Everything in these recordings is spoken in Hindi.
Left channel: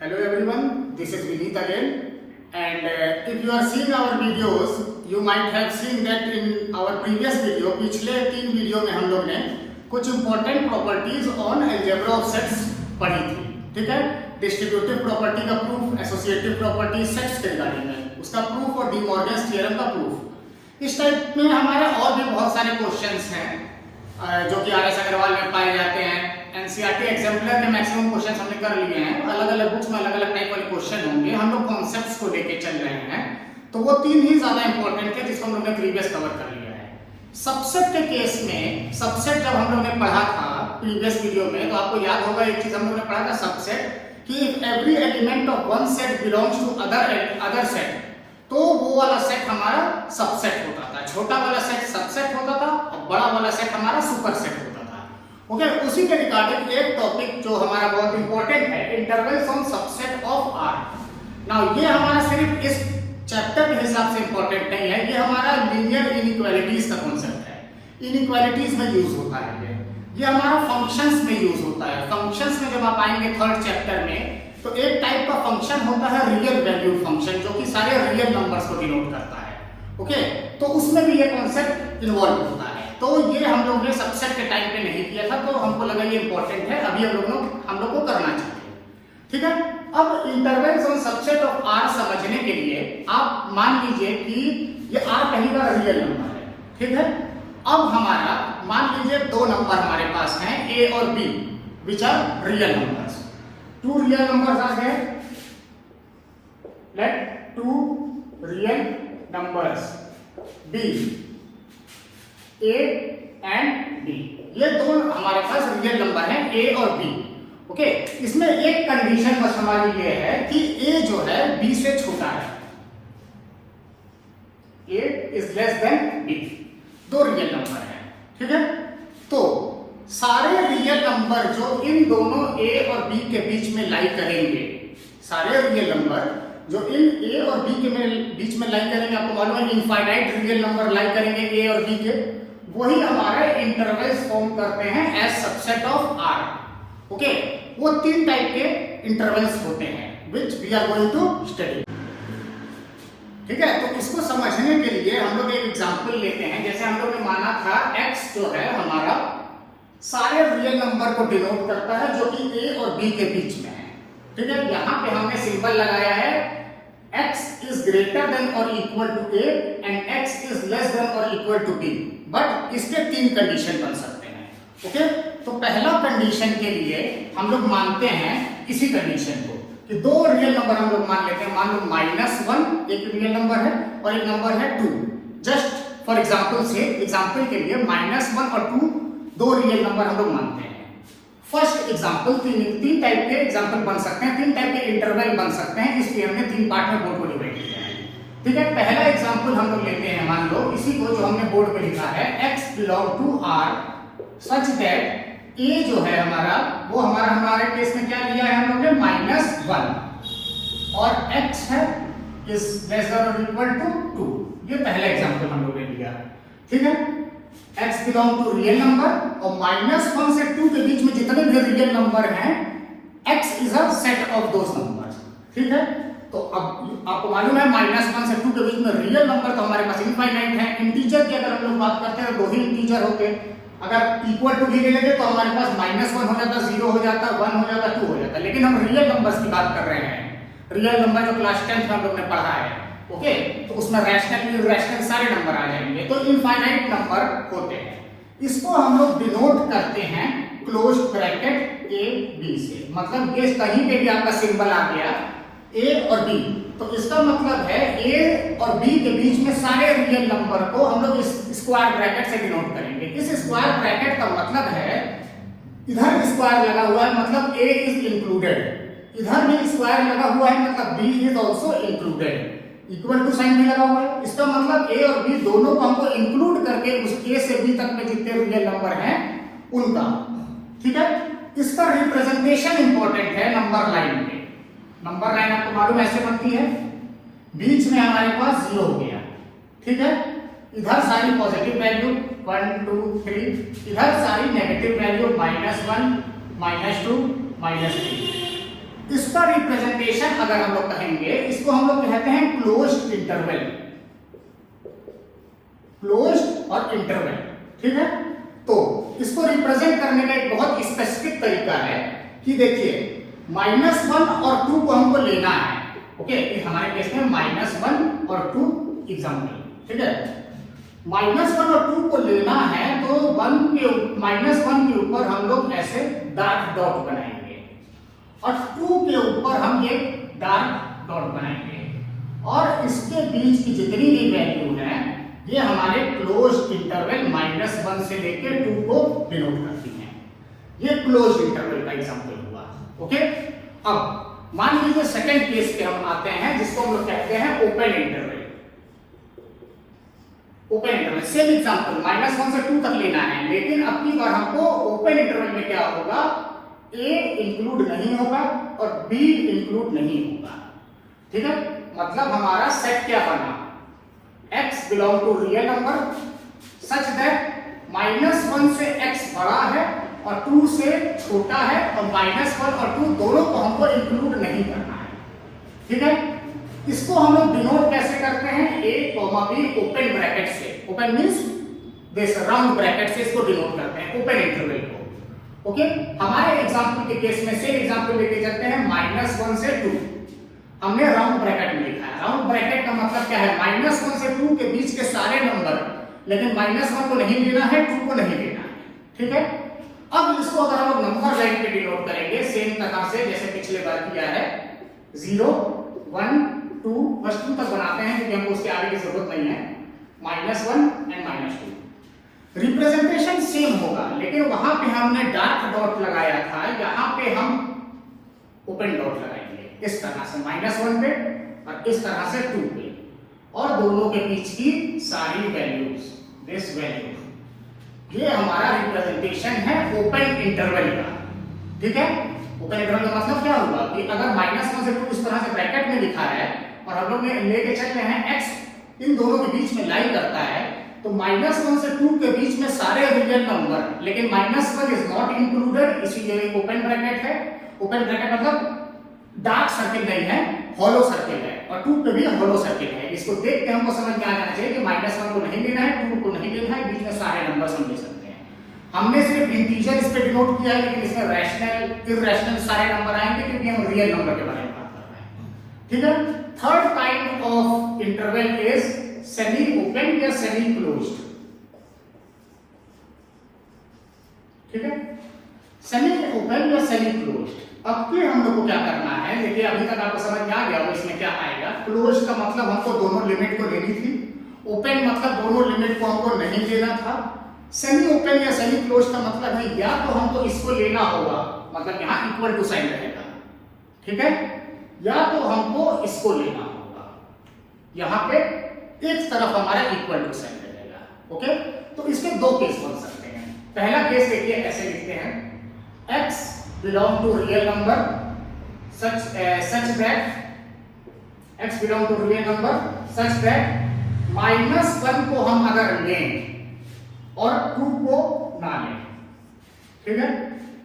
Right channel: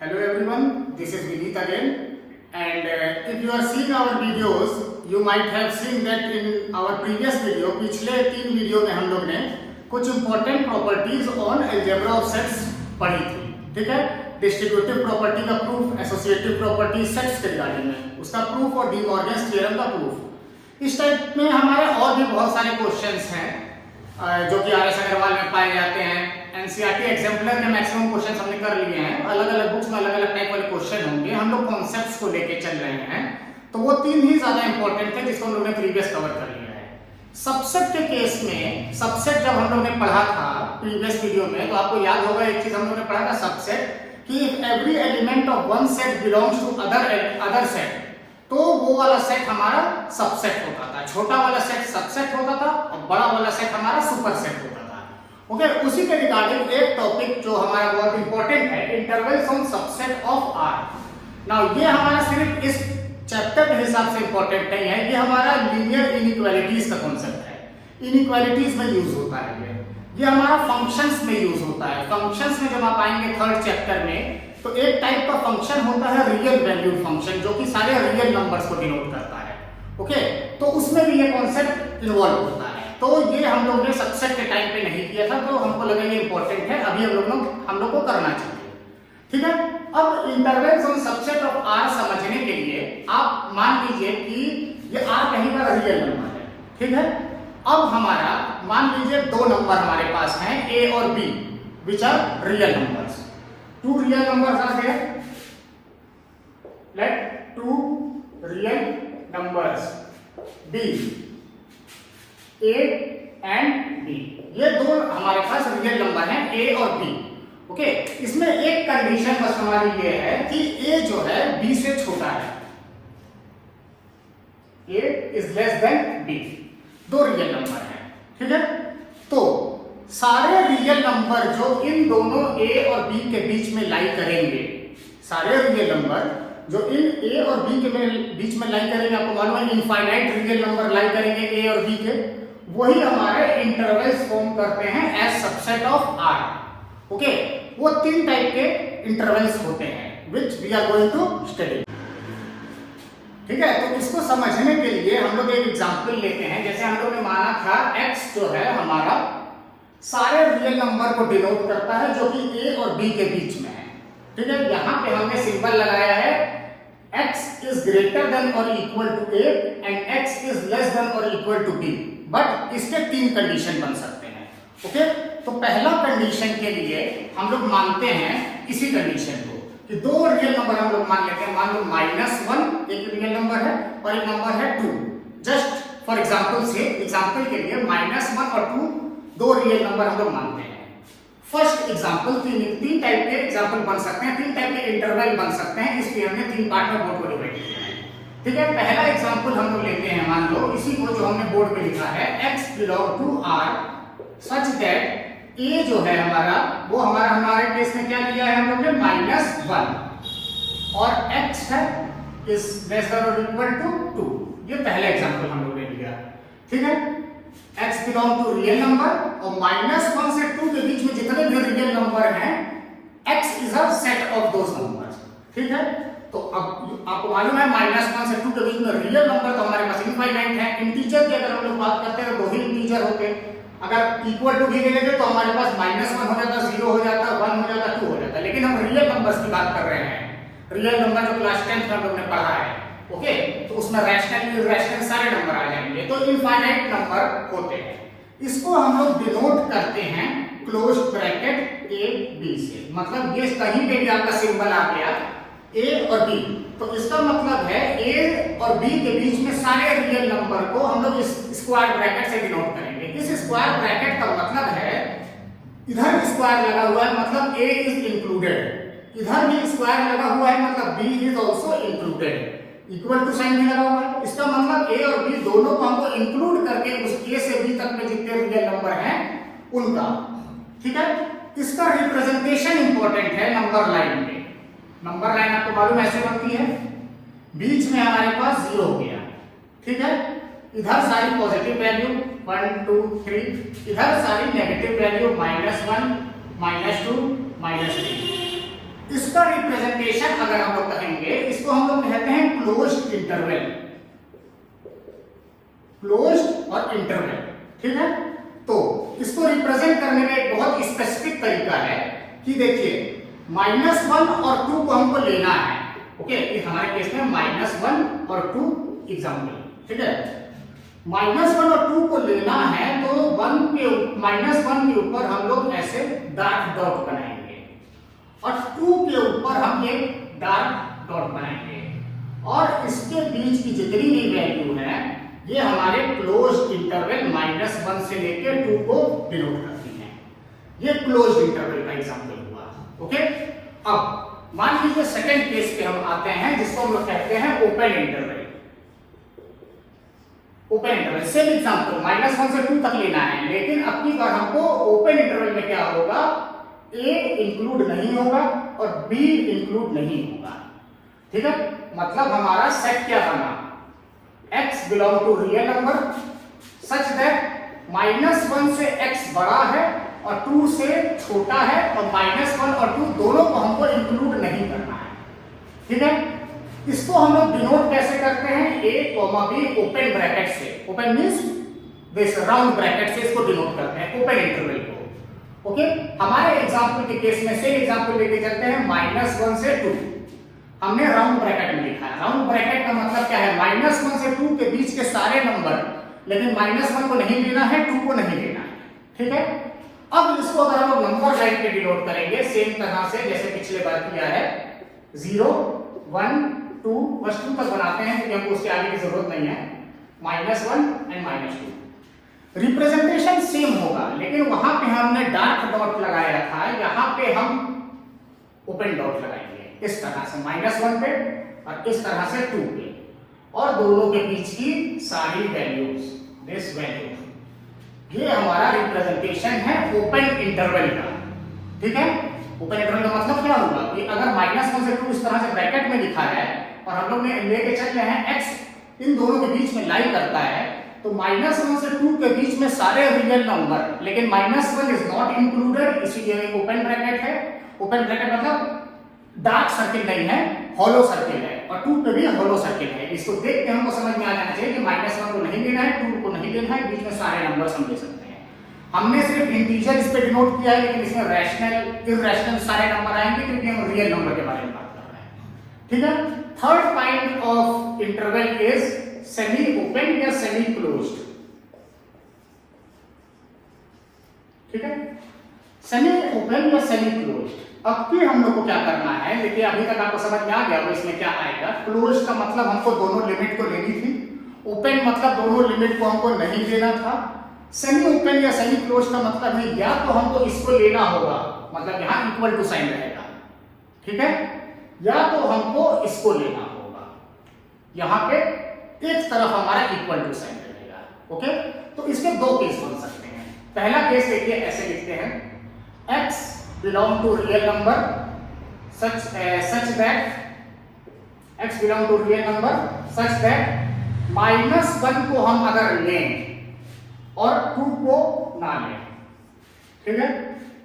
Hello everyone, this is Vineet again, and if you are seeing our videos, you might have seen that in our previous video, पिछले 3 वीडियो में हम लोग ने कुछ important properties on algebra of sets पढ़ी थी, ठीक है? डिस्ट्रीब्यूटिव प्रॉपर्टी का प्रूफ, एसोसिएटिव प्रॉपर्टी सेट्स के रिगार्डिंग में, उसका प्रूफ और डी मॉर्गन्स थ्योरम का प्रूफ। इस टाइप में हमारे और भी बहुत सारे क्वेश्चंस हैं जो कि आर एस अग्रवाल में पाए जाते हैं। एनसीईआरटी एग्जाम्पलर ने मैक्सिमम क्वेश्चन हमने कर लिए हैं, अलग अलग बुक्स में अलग अलग टाइप वाले क्वेश्चन होंगे। हम लोग कॉन्सेप्ट्स को लेके चल रहे हैं, तो वो 3 ही ज्यादा इंपॉर्टेंट थे जिसको हम लोग ने प्रीवियस कवर कर लिया है। सबसेट के केस में, सबसेट जब हम लोग ने पढ़ा था प्रीवियस वीडियो में, तो आपको याद होगा एक चीज हम लोग ने पढ़ा था सबसेट कि every element of one set belongs to other set, तो वो वाला सेट हमारा सबसेट होता था। छोटा वाला सेट सबसेट होता था और बड़ा वाला सेट हमारा सुपर सेट होता था। ओके, उसी के रिगार्डिंग एक टॉपिक जो हमारा बहुत इंपॉर्टेंट है, intervals on subset of R. Now ये हमारा सिर्फ इस चैप्टर के हिसाब से इंपॉर्टेंट नहीं है, ये हमारा लीनियर इनइक्वालिटीज का कॉन्सेप्ट है। इनइक्वालिटीज में यूज होता है ये हमारा फंक्शंस में यूज होता है। फंक्शंस में जब आप आएंगे थर्ड चैप्टर में, तो एक टाइप का फंक्शन होता है रियल वैल्यूड फंक्शन, जो कि सारे रियल नंबर्स को डिनोट करता है। ओके, तो उसमें भी ये कॉन्सेप्ट इन्वॉल्व होता है। तो ये हम लोग ने सबसेट के टाइम पे नहीं किया था, तो हमको लगा ये इंपॉर्टेंट है, अभी हम लोग को करना चाहिए। ठीक है, अब intervals on subset of R समझने के लिए आप मान लीजिए कि ये आर कहीं का रियल नंबर है। ठीक है, अब हमारा मान लीजिए 2 नंबर हमारे पास हैं, ए और B, which are real numbers. 2 real numbers are there, let 2 real numbers be, A and B, ये 2 हमारे पास रियल नंबर हैं, ए और बी। ओके, इसमें एक कंडीशन बस हमारी ये है कि ए जो है बी से छोटा है, A is less than B. 2 real number है। ठीक है, तो सारे रियल नंबर जो इन दोनों ए और बी के बीच में लाई करेंगे, सारे रियल नंबर जो इन ए और बी के बीच में लाई करेंगे, आपको मालूम है इनफाइनाइट रियल नंबर लाई करेंगे ए और बी के, वही हमारे इंटरवल्स फॉर्म करते हैं as subset of R. Okay, वो 3 टाइप के इंटरवल्स होते हैं which we are going to study. ठीक है, तो इसको समझने के लिए हम लोग एक एग्जांपल लेते हैं। जैसे हम लोग ने माना था x जो है हमारा सारे रियल नंबर को डिनोट करता है जो कि a और b के बीच में है। ठीक है, यहां पे हमने सिंबल लगाया है x इज ग्रेटर देन और equal to a and x is less than और इक्वल टू b, बट इसके 3 कंडीशन बन सकते हैं। ओके, तो पहला कंडीशन के लिए हम लोग मानते हैं इसी कंडीशन को कि 2 रियल नंबर हम लोग मान लेते हैं। मान लो -1 एक रियल नंबर है और एक नंबर है 2। जस्ट फॉर एग्जांपल से, एग्जांपल के लिए -1 और 2 रियल नंबर हम लोग मानते हैं। फर्स्ट एग्जांपल, 3 टाइप के एग्जांपल बन सकते हैं, 3 टाइप के इंटरवल बन सकते हैं, इसलिए हमने 3 पार्ट में बोर्ड को डिवाइड किया है। ठीक है, पहला एग्जांपल हम लोग लेते हैं, मान लो इसी को जो हमने बोर्ड पे लिखा है, x belong to r such that a जो है हमारा, वो हमारे केस में क्या लिया है हम लोग ने -1 और x है इज लेस देन और इक्वल टू 2। ये पहला एग्जांपल हम लोग ने लिया। ठीक है, x belong to real number और -1 से 2 के बीच में जितने भी रियल नंबर हैं, x is a set of those numbers. ठीक है, तो अब आपको मालूम है -1 से 2 के बीच में रियल नंबर तो हमारे पास इनफाइनाइट है। इंटीजर की अगर हम लोग बात करते हैं, 2 ही इंटीजर होते हैं। अगर इक्वल टू भी ले लेते तो हमारे पास -1 हो जाता, 0 हो जाता, 1 हो जाता, 2 हो जाता। लेकिन हम रियल नंबर्स की बात कर रहे हैं, रियल नंबर जो क्लास 10 में हम लोग ने पढ़ा है। ओके, तो उसमें रैशनल इरैशनल सारे नंबर आ जाएंगे, तो इनफाइनाइट नंबर होते हैं। इसको हम लोग डिनोट करते हैं क्लोज ब्रैकेट a b से। मतलब ये कहीं पे भी आपका सिंबल आ गया a और b, तो इसका मतलब है a और b के बीच में सारे रियल नंबर को हम लोग इस स्क्वायर ब्रैकेट से डिनोट करेंगे। इस स्क्वायर ब्रैकेट का मतलब है, इधर स्क्वायर लगा हुआ है मतलब a इज इंक्लूडेड, इधर भी स्क्वायर लगा हुआ है मतलब b is also included, equal to sign भी लगा हुआ है। इसका मतलब a और b दोनों को हमको इंक्लूड करके उस a से b तक में जितने रियल नंबर हैं उनका। ठीक है, इसका रिप्रेजेंटेशन इंपॉर्टेंट है नंबर लाइन में। नंबर लाइन आपको मालूम ऐसे बनती है, बीच में हमारे पास 0 हो गया। ठीक है, इधर सारी पॉजिटिव वैल्यू 1 2 3, इधर सारी नेगेटिव वैल्यू -1 -2 -3। इसका रिप्रेजेंटेशन अगर हम लोग कहेंगे, इसको हम लोग कहते हैं क्लोज्ड इंटरवल, क्लोज्ड और इंटरवल, ठीक है। तो इसको रिप्रेजेंट करने का एक बहुत स्पेसिफिक तरीका है कि देखिए -1 और 2 को हमको लेना है, ओके। हमारे केस में -1 और 2 एग्जाम्पल, ठीक है। -1 और 2 को लेना है तो -1 के ऊपर हम लोग ऐसे डार्क डॉट बनाएंगे और 2 के ऊपर हम ये डार्क डॉट बनाएंगे और इसके बीच की जितनी भी वैल्यू है ये हमारे क्लोज्ड इंटरवल -1 से लेकर 2 को डिनोट करती है। ये क्लोज्ड इंटरवल का एग्जांपल हुआ, ओके। अब मान लीजिए सेकंड केस पे हम आते हैं जिसको हम लोग कहते हैं open interval. Open interval same example -1 से 2 तक लेना है, लेकिन अब की बार हमको ओपन इंटरवल में क्या होगा, A इंक्लूड नहीं होगा और B इंक्लूड नहीं होगा, ठीक है। मतलब हमारा सेट क्या बना, x belong to real number such that -1 से x बड़ा है और 2 से छोटा है और -1 और 2 दोनों को हमको इंक्लूड नहीं करना है, ठीक है। इसको हम लोग डिनोट कैसे करते हैं, a, b ओपन ब्रैकेट से, open means this round bracket से इसको डिनोट करते हैं ओपन इंटरवल को, ओके। हमारे एग्जांपल के केस में से एग्जांपल लेके चलते हैं -1 से 2, हमने राउंड ब्रैकेट में लिखा है। राउंड ब्रैकेट का मतलब क्या है, -1 से 2 के बीच के सारे नंबर, लेकिन -1 को नहीं लेना है, 2 को नहीं लेना है, ठीक है। अब इसको अगर हम नंबर लाइन पे डिनोट करेंगे सेम तरह से जैसे पिछले बार किया है, 0 1 2 बस 2 तक बनाते हैं क्योंकि हमको उसके आगे की जरूरत नहीं है, -1 एंड -2 रिप्रेजेंटेशन सेम होगा, लेकिन वहां पे हमने डार्क डॉट लगाया था, यहाँ पे हम ओपन डॉट लगाएंगे इस तरह से -1 पे और इस तरह से 2 पे, और दोनों के बीच की सारी वैल्यूज, दिस वैल्यू, ये हमारा रिप्रेजेंटेशन है ओपन इंटरवल का, ठीक है। ओपन इंटरवल का मतलब क्या होगा कि अगर -1 से 2 इस तरह से ब्रैकेट में लिखा है और हम लोग ने लेके चल रहे हैं x इन दोनों के बीच में लाई करता है, तो -1 से 2 के बीच में सारे रियल नंबर, लेकिन -1 इज नॉट इंक्लूडेड, इसीलिए ओपन ब्रैकेट है। ओपन ब्रैकेट मतलब डार्क सर्किल नहीं है, हॉलो सर्किल है, और 2 पे भी हॉलो सर्किल है। इसको देख के हमको समझ में आ जाना चाहिए कि -1 को नहीं लेना है, 2 को नहीं लेना है, बीच में सारे नंबर हम ले सकते हैं। हमने सिर्फ इंटीजर इस पे डिनोट किया है, लेकिन इसमें रैशनल इरैशनल सारे नंबर आएंगे क्योंकि हम रियल नंबर के बारे में बात कर रहे हैं, ठीक है। Third kind of interval is semi open या सेमी क्लोज्ड, ठीक है। सेमी ओपन या सेमी क्लोज्ड। अब की हम लोग को क्या करना है, देखिए अभी तक आपको समझ में आ गया इसमें क्या आएगा। क्लोज का मतलब हमको दोनों लिमिट को लेनी थी, ओपन मतलब दोनों लिमिट को हमको नहीं लेना था, सेमी ओपन या सेमी क्लोज का मतलब है या तो हमको इसको लेना होगा, मतलब यहाँ इक्वल टू साइन रहेगा, ठीक है, या तो हमको इसको लेना होगा, यहाँ पे एक तरफ हमारा इक्वल टू साइन रहेगा, ओके। तो इसके दो केस बन सकते हैं। पहला केस देखिए ऐसे लिखते हैं, x belong to real number such that x belong to real number such that -1 को हम अगर लें और 2 को ना लें, ठीक है।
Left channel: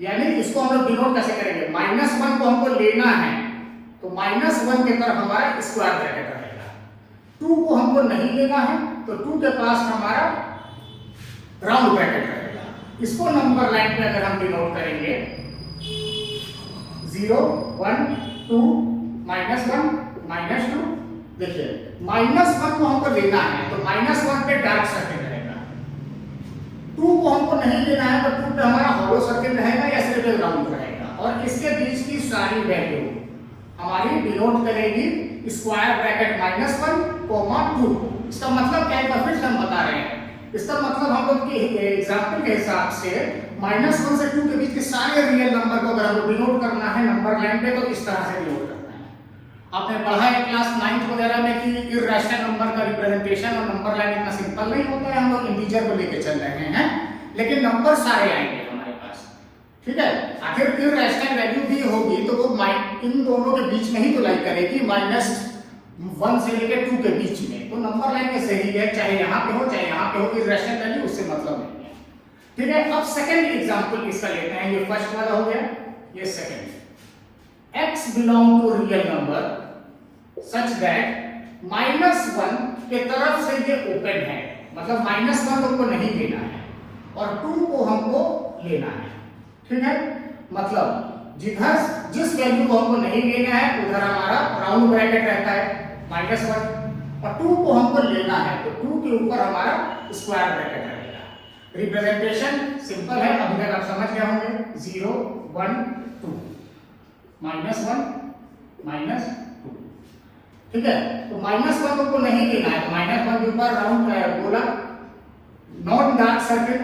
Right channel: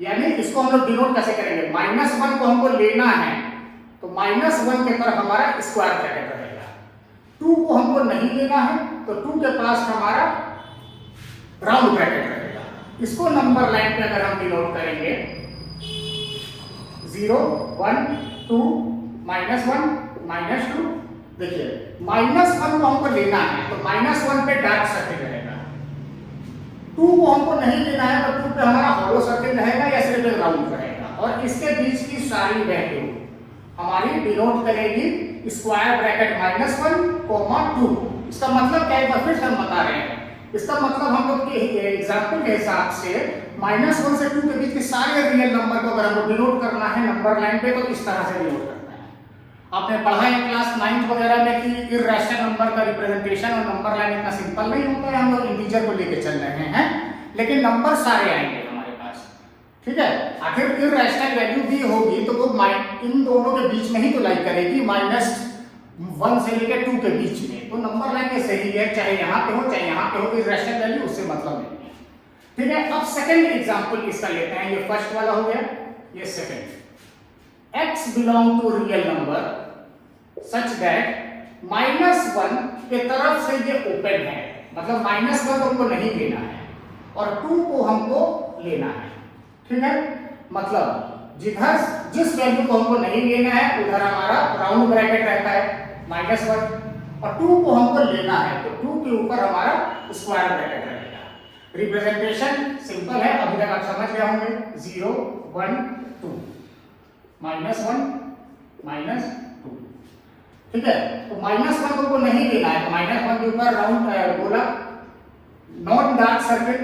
यानी इसको हम लोग डिनोट कैसे करेंगे, -1 को हमको लेना है तो -1 के पर हमारा स्क्वायर ब्रैकेट रहेगा, 2 को हमको नहीं लेना है तो 2 के पास हमारा राउंड ब्रैकेट रहेगा। इसको नंबर लाइन पे अगर हम डिनोट करेंगे 0 1 2 -1 -2, देखिए -1 को हमको लेना है तो -1 पे डार्क सर्किल रहेगा, 2 को हमको नहीं लेना है तो 2 पे हमारा हॉलो सर्किल रहेगा या सिर्फ राउंड रहेगा, और इसके बीच की सारी वैल्यू हमारी डिनोट करेगी स्क्वायर ब्रैकेट -1 2। इसका मतलब क्या है, फिर से हम बता रहे हैं, इसका मतलब हम लोग के एग्जांपल के हिसाब से -1 से 2 के बीच के सारे रियल नंबर को अगर हमको डिनोट करना है नंबर लाइन पे तो इस तरह से डिनोट करना है। आपने पढ़ा है क्लास 9th वगैरह में कि इरैशनल नंबर का रिप्रेजेंटेशन और नंबर लाइन इतना सिंपल नहीं होता है, हम लोग इंटीजर को लेके चल रहे हैं, लेकिन नंबर सारे आएंगे हमारे पास, ठीक है। आखिर इरैशनल वैल्यू भी होगी तो वो इन दोनों के बीच में ही तो लाई करेगी, -1 से लेकर 2 के बीच में, तो नंबर लाइन में सही है, चाहे यहाँ पे हो चाहे यहाँ पे हो, इरैशनल वैल्यू उससे मतलब नहीं है, ठीक है। अब सेकंड एग्जांपल इसका लेते हैं, ये फर्स्ट वाला हो गया, ये second, x belong to real number such that -1 के तरफ से ये ओपन है, मतलब -1 हमको नहीं लेना है और 2 को हमको लेना है। ठीक है, मतलब जिधर जिस वैल्यू को हमको नहीं लेना है उधर हमारा राउंड ब्रैकेट रहता है -1 और 2 को हमको लेना है तो 2 के ऊपर हमारा स्क्वायर ब्रैकेट रहेगा। रिप्रेजेंटेशन सिंपल है, अभी तक आप समझ गए होंगे 0 1 2 -1 -2। ठीक है, तो -1 हमको नहीं लेना है, -1 के ऊपर राउंड बोला नॉन डार्क सर्किल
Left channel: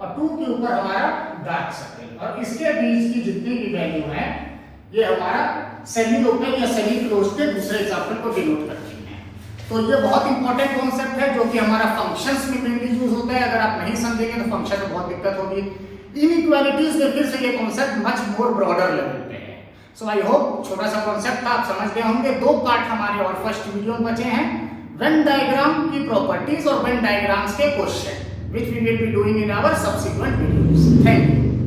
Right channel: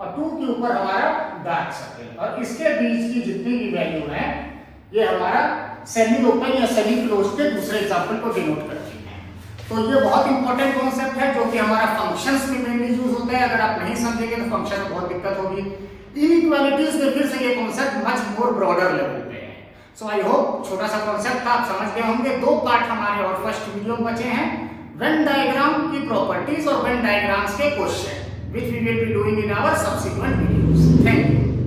और 2 के ऊपर हमारा डार्क सर्किल और इसके बीच की जितनी भी वैल्यू है ये हमारा सेमी ओपन या सेमी क्लोज के दूसरे एग्जांपल को डिनोट करती है। तो ये बहुत इंपॉर्टेंट कॉन्सेप्ट है जो कि हमारा फंक्शंस में मेनली यूज होता है। अगर आप नहीं समझेंगे तो फंक्शन में बहुत दिक्कत होगी। इनइक्वालिटीज में फिर से ये concept much more broader level पे है। सो आई होप छोटा सा कॉन्सेप्ट था, आप समझ गए होंगे। 2 पार्ट हमारे और फर्स्ट वीडियो में बचे हैं, वेन डायग्राम की प्रॉपर्टीज और वेन डायग्राम्स के question which we will be doing in our subsequent videos. Thank you.